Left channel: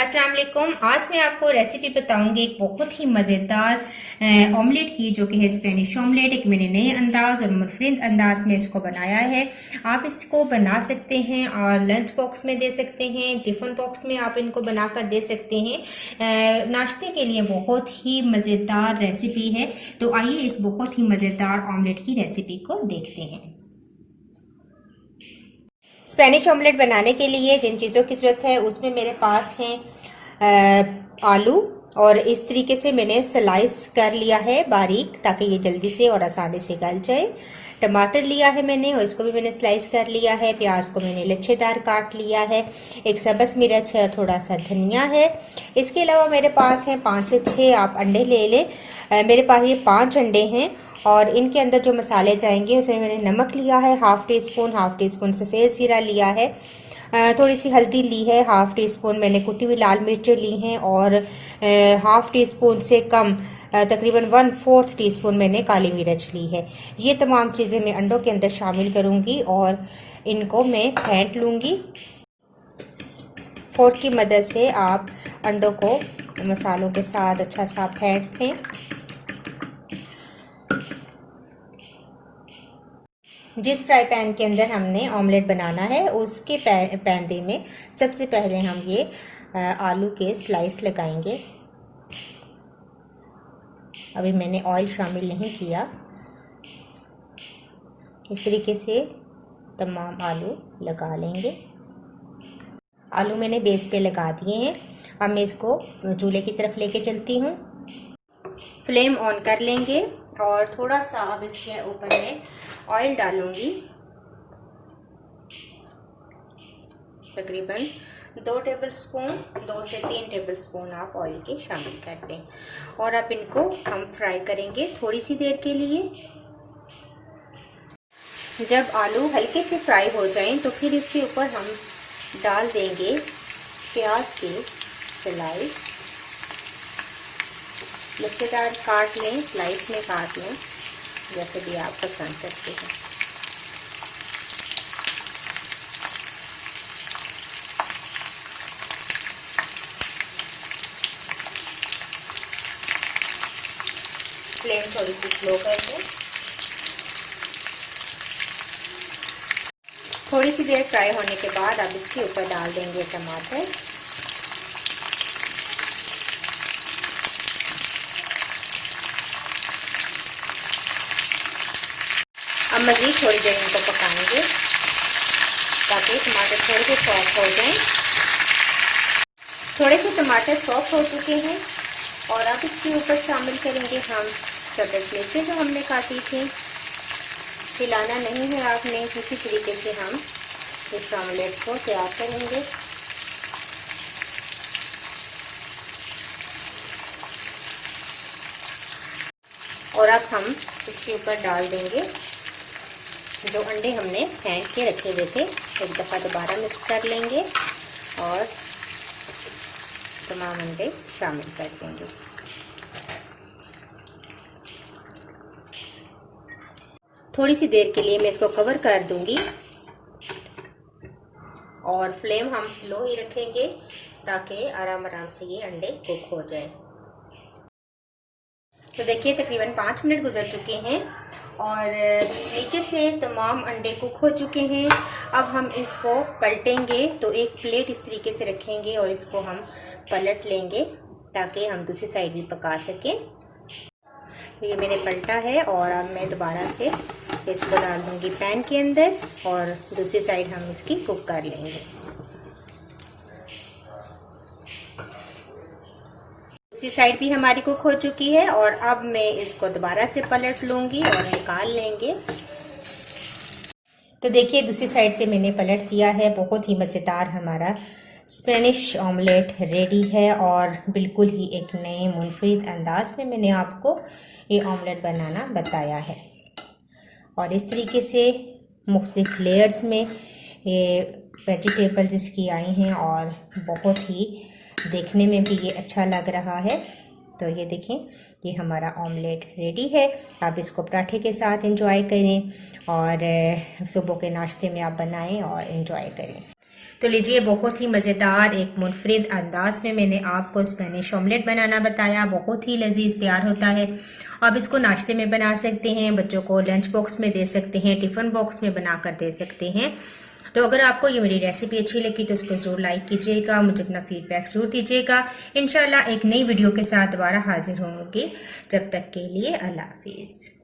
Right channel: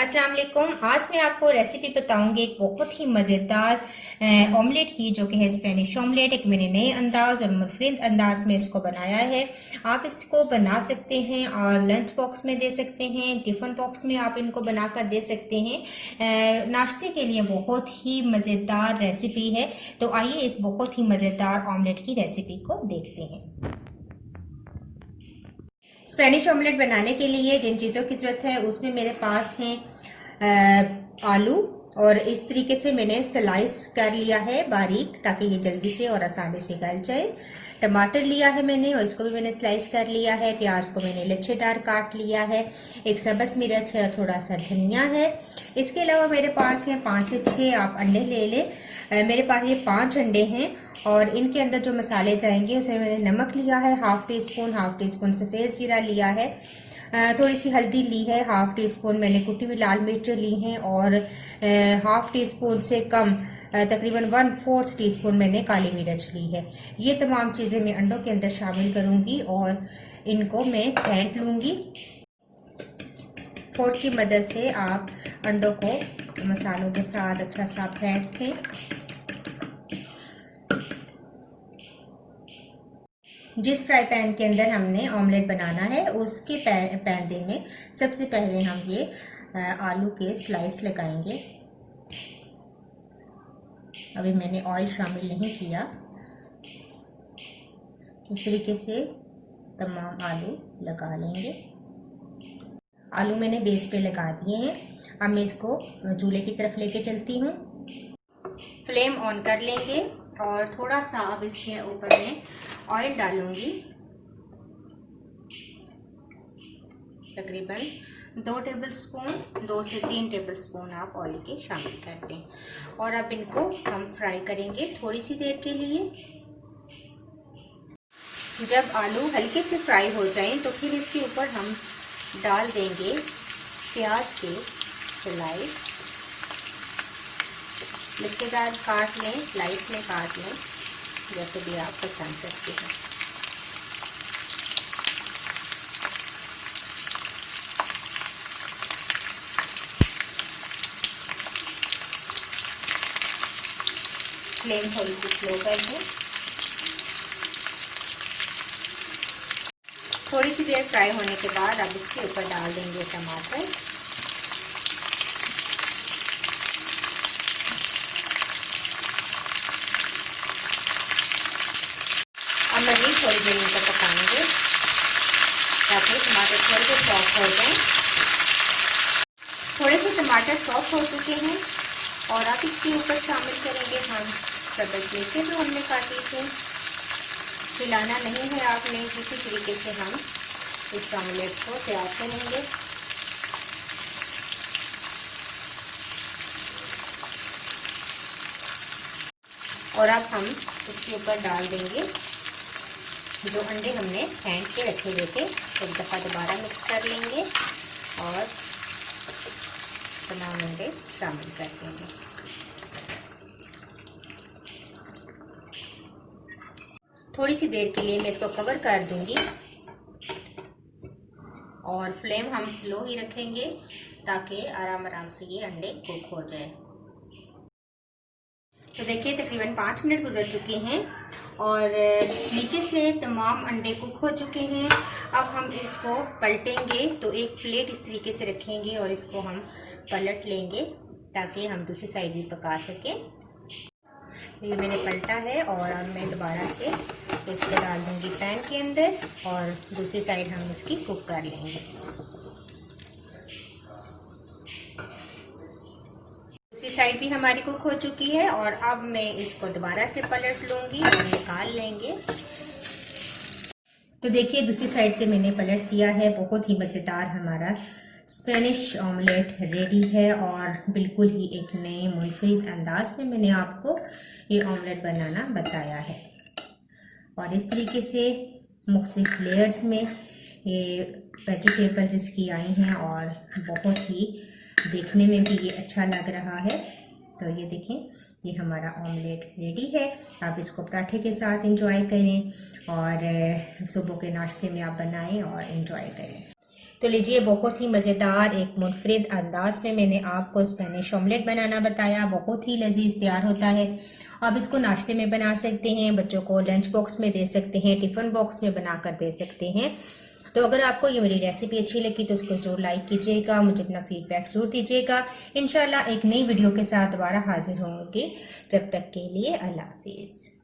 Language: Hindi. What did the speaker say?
अस्सलाम वालेकुम। आज मैं आपको रेसिपी बताऊंगी एक बहुत ही मज़ेदार ऑमलेट की, जो कि है स्पेनिश ऑमलेट। एक मैंने नए अंदाज और मुनफरिद अंदाज में इसको बनाया है। आप इसको बना सकते हैं और लंच बॉक्स में दे सकते हैं, टिफ़िन बॉक्स में आप इनको बनाकर दे सकते हैं। नाश्ते के लिए बहुत ही मज़ेदार रेसिपी है। तो आइए इस बहुत ही मज़ेदार ऑमलेट की रेसिपी को देखते हैं। स्पेनिश ऑमलेट बनाने के लिए जिन चीज़ों की ज़रूरत है उसमें मेरे पास हैं आलू, और इस तरीके से मैंने स्लाइस कर लिया है बारीक, ताकि ये जल्दी से और आसानी से गल जाए। टमाटर लिया है मैंने और इसको भी मैंने स्लाइस कर लिया है। प्याज को मैंने लच्छेदार काट लिया है। एक सब्ज़ मिर्च है, थोड़ा सा धनिया है। इसके अलावा मेरे पास हैं 5 से 6 आप अंडे ले लें। मेरे पास ये 5 अंडे हैं और इनके अंदर जो मसाले जाएंगे उसमें मैंने नमक लिया है हाफ़ टी स्पून सफ़ेद ज़ीरा लिया है, थोड़ी सी हल्दी ली है, हाफ़ टी स्पून मैंने कुटी हुई लाल मिर्चें ली हैं, और हाफ़ टी स्पून से कम तकरीबन 1/4 टीस्पून मैंने काली मिर्च ली है। ये तमाम चीज़ें मैं अंडों के अंदर शामिल करूँगी और इनको मैं फेंट लूँगी। फोर्क की मदद से आप अंडों को मसालों के साथ अच्छा सा फेंट लें। जिस फ्राई पैन के अंदर हमने ऑमलेट बनाना है उसके पैंदे में सबसे पहले हम ये आलू के स्लाइस लगाएंगे। अभी मैंने ऑयल शामिल नहीं किया। इस तरीके से तमाम आलू लगा लेंगे। आलू मैंने बेस पे लगा दिए हैं। अब मैं इसको चूल्हे की तरफ लेके चलती हूँ। फ्लेम ऑन कर लेंगे और थोड़ा सा अब इसके ऊपर मैं ऑयल डालूंगी। तकरीबन 2 से 3 टेबल स्पून आप ऑयल के शामिल कर दें और अब इनको हम फ्राई करेंगे थोड़ी सी देर के लिए। जब आलू हल्के से फ्राई हो जाएं तो फिर इसके ऊपर हम डाल देंगे प्याज के स्लाइस। लच्छेदार काट लें, स्लाइस में काट लें, जैसे भी आप पसंद करते हैं। फ्लेम थोड़ी सी स्लो कर दें। थोड़ी सी देर फ्राई होने के बाद अब इसके ऊपर डाल देंगे टमाटर। अब मज़ीद थोड़ी देर इनको पकाएंगे ताकि टमाटर थोड़े से सॉफ्ट हो जाएं। थोड़े से टमाटर सॉफ्ट हो चुके हैं और अब इसके ऊपर शामिल करेंगे हम सब्ज़ मिर्चें जो हमने काटी थी। हिलाना नहीं है आपने, इसी तरीके से हम इस ऑमलेट को तैयार करेंगे। और अब हम इसके ऊपर डाल देंगे जो अंडे हमने फेंट के रखे हुए थे। एक दफ़ा दोबारा मिक्स कर लेंगे और तमाम अंडे शामिल कर देंगे। थोड़ी सी देर के लिए मैं इसको कवर कर दूंगी और फ्लेम हम स्लो ही रखेंगे ताकि आराम आराम से ये अंडे कुक हो जाए। तो देखिए तकरीबन 5 मिनट गुजर चुके हैं और नीचे से तमाम अंडे कुक हो चुके हैं। अब हम इसको पलटेंगे तो एक प्लेट इस तरीके से रखेंगे और इसको हम पलट लेंगे ताकि हम दूसरी साइड भी पका सकें। ये मैंने पलटा है और अब मैं दोबारा से इसको डाल दूंगी पैन के अंदर और दूसरी साइड हम इसकी कुक कर लेंगे। दूसरी साइड भी हमारी कुक हो चुकी है और अब मैं इसको दोबारा से पलट लूँगी और निकाल लेंगे। तो देखिए दूसरी साइड से मैंने पलट दिया है। बहुत ही मज़ेदार हमारा स्पेनिश ऑमलेट रेडी है और बिल्कुल ही एक नए मुनफरिद अंदाज में मैंने आपको ये ऑमलेट बनाना बताया है। और इस तरीके से मुख्तलिफ लेयर्स में ये वेजिटेबल्स इसकी आई हैं और बहुत ही देखने में भी ये अच्छा लग रहा है। तो ये देखें, ये हमारा ऑमलेट रेडी है। आप इसको पराठे के साथ एंजॉय करें और सुबह के नाश्ते में आप बनाएं और एंजॉय करें। तो लीजिए, बहुत ही मज़ेदार एक मुनफरिद अंदाज में मैंने आपको स्पेनिश ऑमलेट बनाना बताया। बहुत ही लजीज तैयार होता है। आप इसको नाश्ते में बना सकते हैं, बच्चों को लंच बॉक्स में दे सकते हैं, टिफ़िन बॉक्स में बनाकर दे सकते हैं। तो अगर आपको ये मेरी रेसिपी अच्छी लगी तो उसको ज़रूर लाइक कीजिएगा, मुझे अपना फीडबैक ज़रूर दीजिएगा। इंशाल्लाह एक नई वीडियो के साथ दोबारा हाजिर होंगे। जब तक के लिए अल्लाह हाफिज़।